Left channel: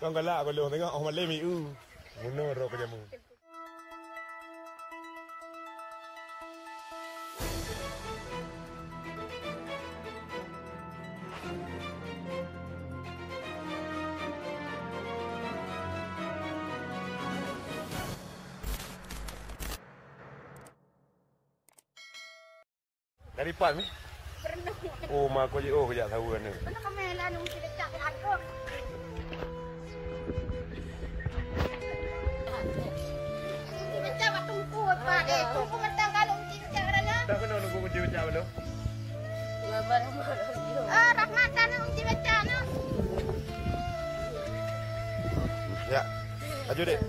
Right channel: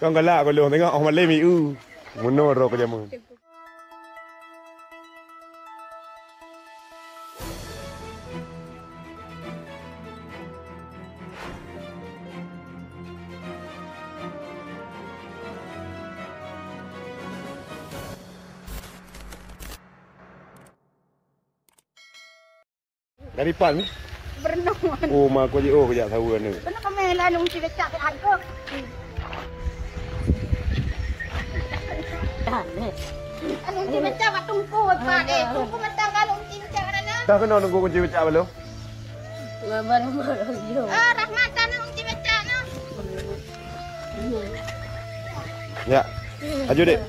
Con cái lạ con lường thấy không? Mà lên mì muốn nô rồi cái gì mừng. Dari pan ni? Berenang. Oh, mak aku je kejap tahu kan ni. Berenang kami lah nung cik cak angkut. Nung cik cak wat tungku pak deh. Tungku mentang kalau cik cak mana? Tak kena nunggu kunci becak belum? Rahmat sana nung cik cak na. Ya. Aju dek.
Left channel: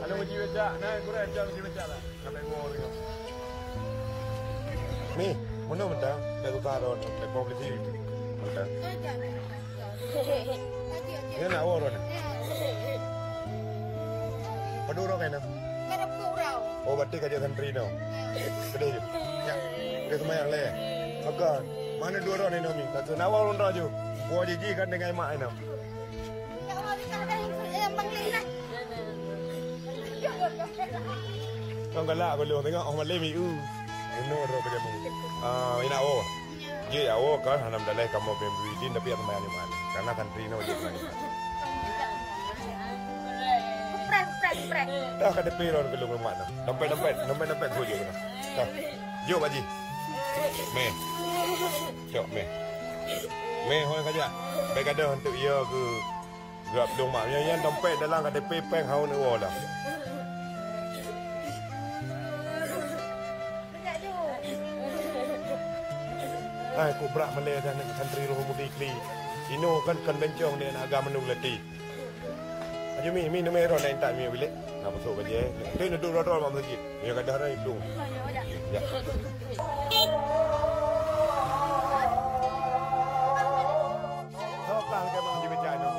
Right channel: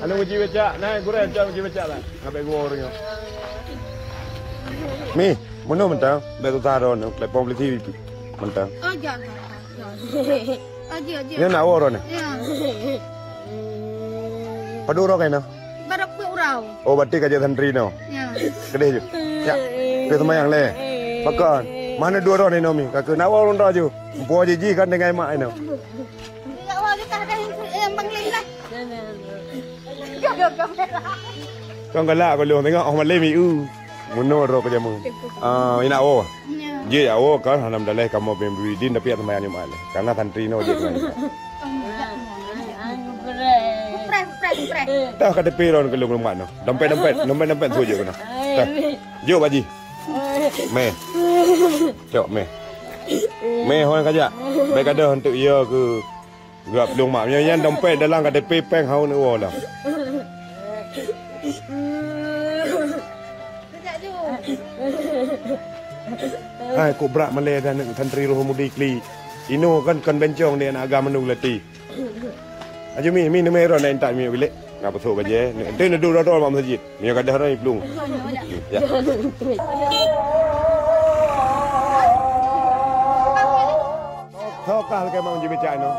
Anu kunci becak, nah kurang jauh kunci becak lah. Ngapai gua orangnya. Mi, mana mentang? Dah tu taruh ni, platform TV mentang. Oh jangan. Aji. Ni nak orang ni. Ya. Padu orang kan? Baru kurau. Oh, berarti kerja santri no. Ya. Kedai je. Ya. Dia semayang le. Makan. Mana dua orang ni Nomi? Kakak nak orang raju. Puan jiji kan dengan mak ni. Ya Allah kita ada yang bangling lah. Con cái lạ con lường thấy không? Mà lên mì muốn nô rồi cái gì mừng. Ina oh. Dia ya oh kan hanam dalai kamu bembui din tapi atau mayang ni karena santri no je kan. Pres. Dah kata peron ke lung mak no. Dompet tu je kena. Dah. Jom baji. Me. Cok me. Me hoan kaja. Baik ada untuk ia ke grab lung mak yang dompet dalam kata peng hau ni oh lah. Hai ku berak Malay dan santri Rohmudi Kli. Ino kan bencong dia nak agama nu lati. Aja mi numero lain tak mi bilik. Ngapa sok baje. Ente nak duduk dalam masjid. Mi kadah rai belum. Ya. Kau kah ke mau jadi no.